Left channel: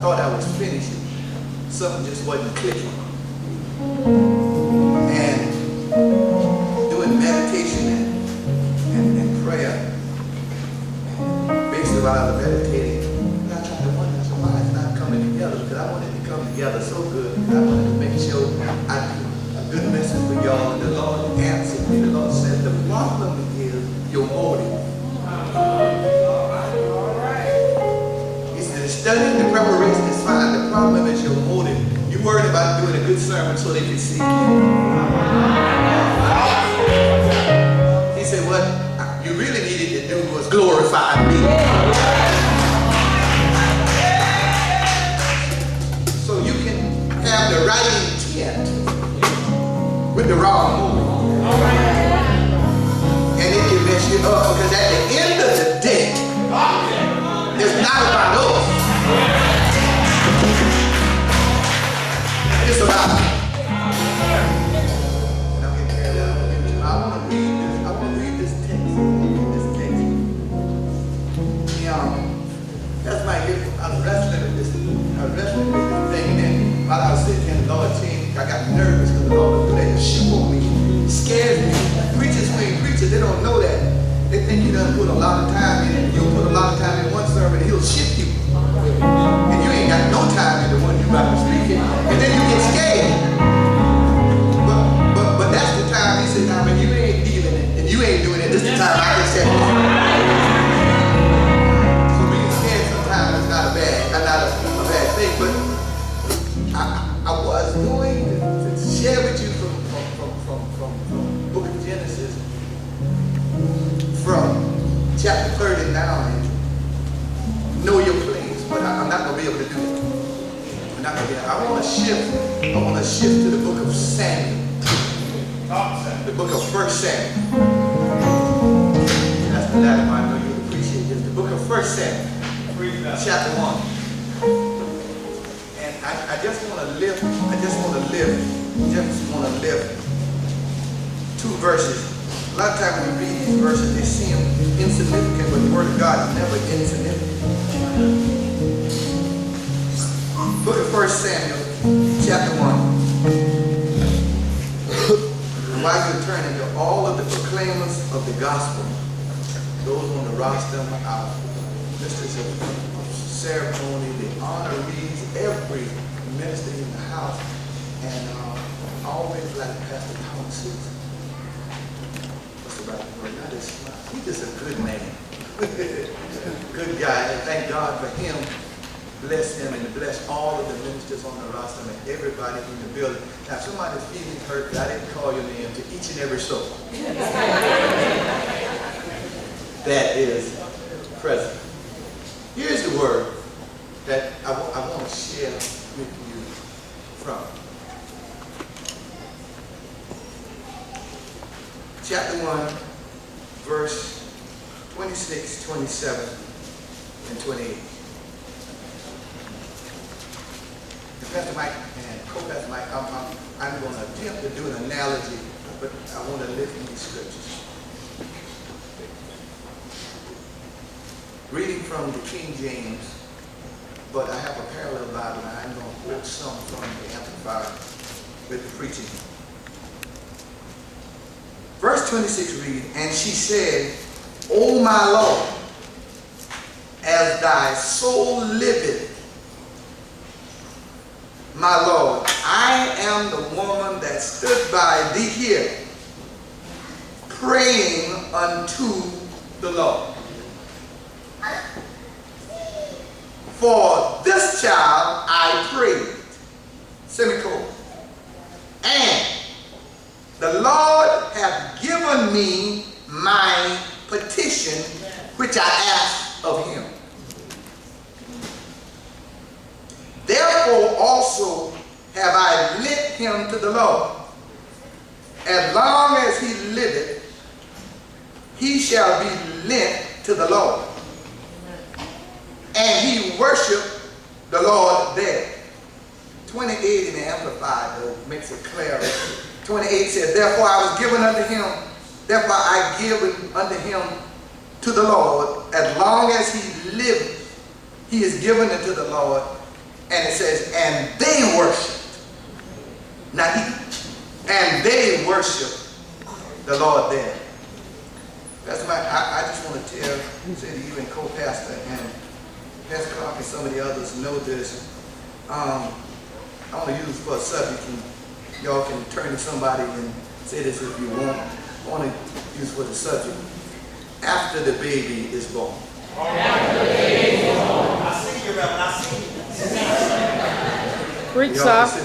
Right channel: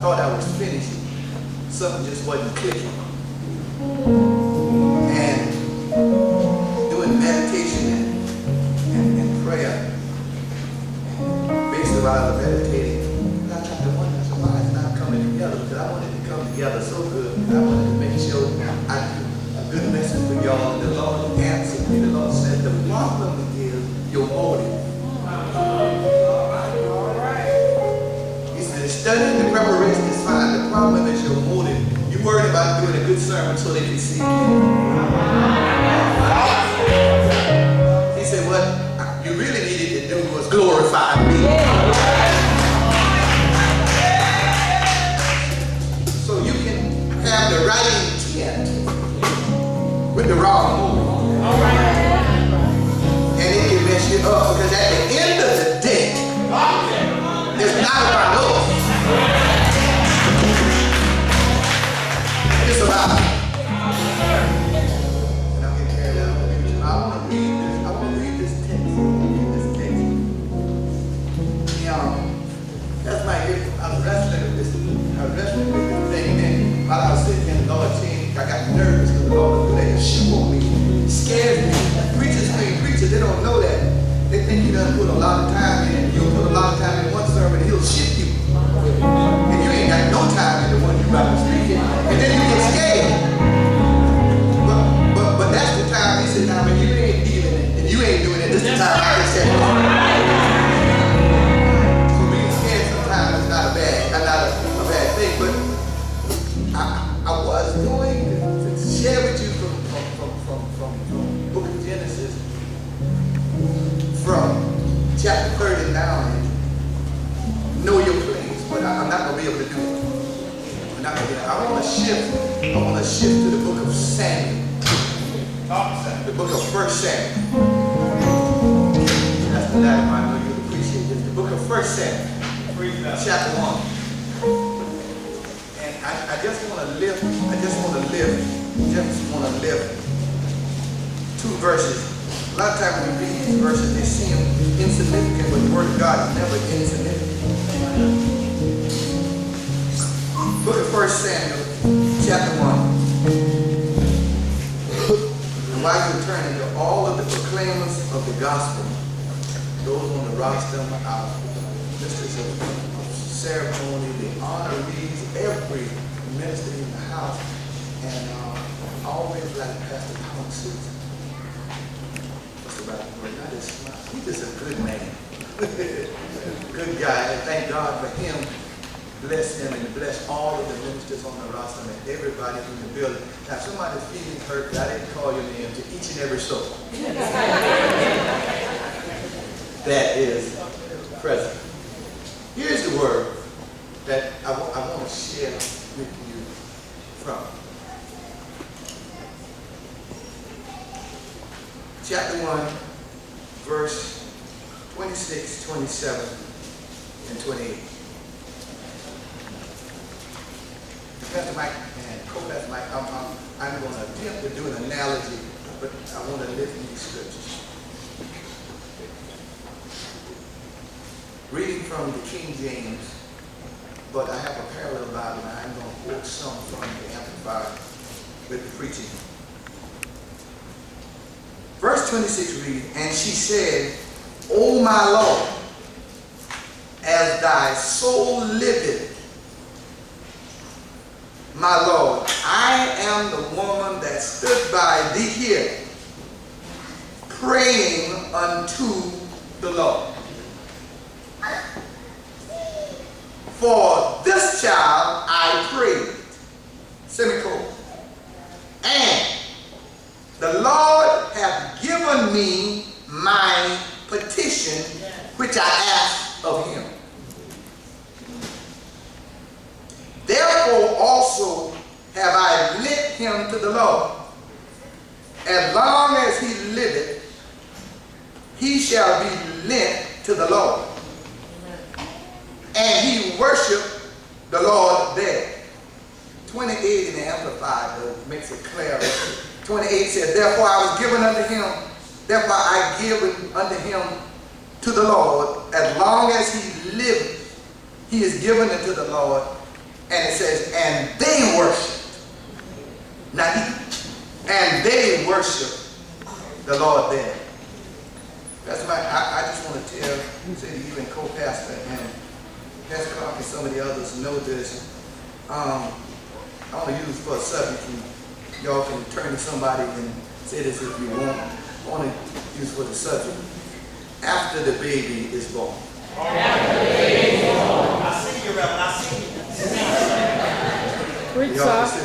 thought I was finished. Something just wasn't clicking. And doing meditation and prayer, and basically while I was meditating, I tried to wonder, why it's not coming together? Because I wanted to come together so good. I wanted to make sure I do a good message for y'all. And the Lord answered me. The Lord said, the problem is your motive. Studying the preparation is fine. The problem is your motive. You're worried about doing a good sermon so they can see you. He said, what you really needed to do was glorify me. So you can have the right intent with the wrong motive. And it can mess you up, because at the end of the day, it's not about us. It's about me. And I'm getting carried out. I want to read this. I want to read this text. That's my gift. I was wrestling with this thing. And then while I was sitting there, the Lord changed. I got nervous because the Lord was doing that shit on me. It scares me. Preachers, they don't know that. They think he doesn't put a lot of time in it. You'll put a lot of time in one sermon and he'll shift you. And you ain't got no time in the one you're about to speak in. And then you get scared. But that's the time he said, now when you ain't dealing it and you ain't doing it, this is the time I can say it. So being scared sometimes is not a bad thing. But I was going to share with you from the book of Genesis, from chapter 39, know your place, but I'm not going to be able to do it. I want to shift to the book of Samuel. The book of 1 Samuel. That's the latter one. I know you'll appreciate this. The book of 1 Samuel, chapter 1. And I just want to lift two verses. A lot of times when we read these verses, they seem insignificant, but the Word of God is never insignificant. Book of 1 Samuel, chapter 1. And while you're turning to all of the proclaimers of the gospel, those on the roster, our ministers of ceremony, the honorees, every minister in the house, and always like Pastor Thomas. He's just a good man. Good guy. And thank God for him. Bless him and bless all of the ministers on the roster and everybody in the building. Now, if somebody's feeling hurt, I didn't call your name to each and every soul that is present. Here's the word that I want to share with you from chapter 1, verse 26, 27, and 28. Pastor Mike and co-pastor Mike, I'm going to attempt to do an analogy, but I want to live in these scriptures. Reading from the King James, but I have a parallel Bible, and I'm going to quote some from the Amplified with the preaching. Verse 26 reads, and she said, O my Lord, as thy soul liveth, my Lord, I am the woman that stood by thee here, praying unto the Lord. For this child I prayed, semicolon, and the Lord hath given me my petition, which I asked of him. Therefore also have I lent him to the Lord. As long as he liveth, he shall be lent to the Lord. And he worshiped the Lord there. 28 in the Amplified, though, makes it clear. 28 says, therefore I was given unto him, therefore I give unto him to the Lord, as long as he liveth, he is given unto the Lord, And it says, and they worshiped. Not he. And they worshiped the Lord there. That's why I just want to say to you and co-pastor and Pastor Clark and some of the others know this. I want to use for a subject, and y'all can turn to somebody and say this if you want. I want to use for the subject. After the baby is born. After the baby is born. I see you, Reverend. I see you. Preach, sir. After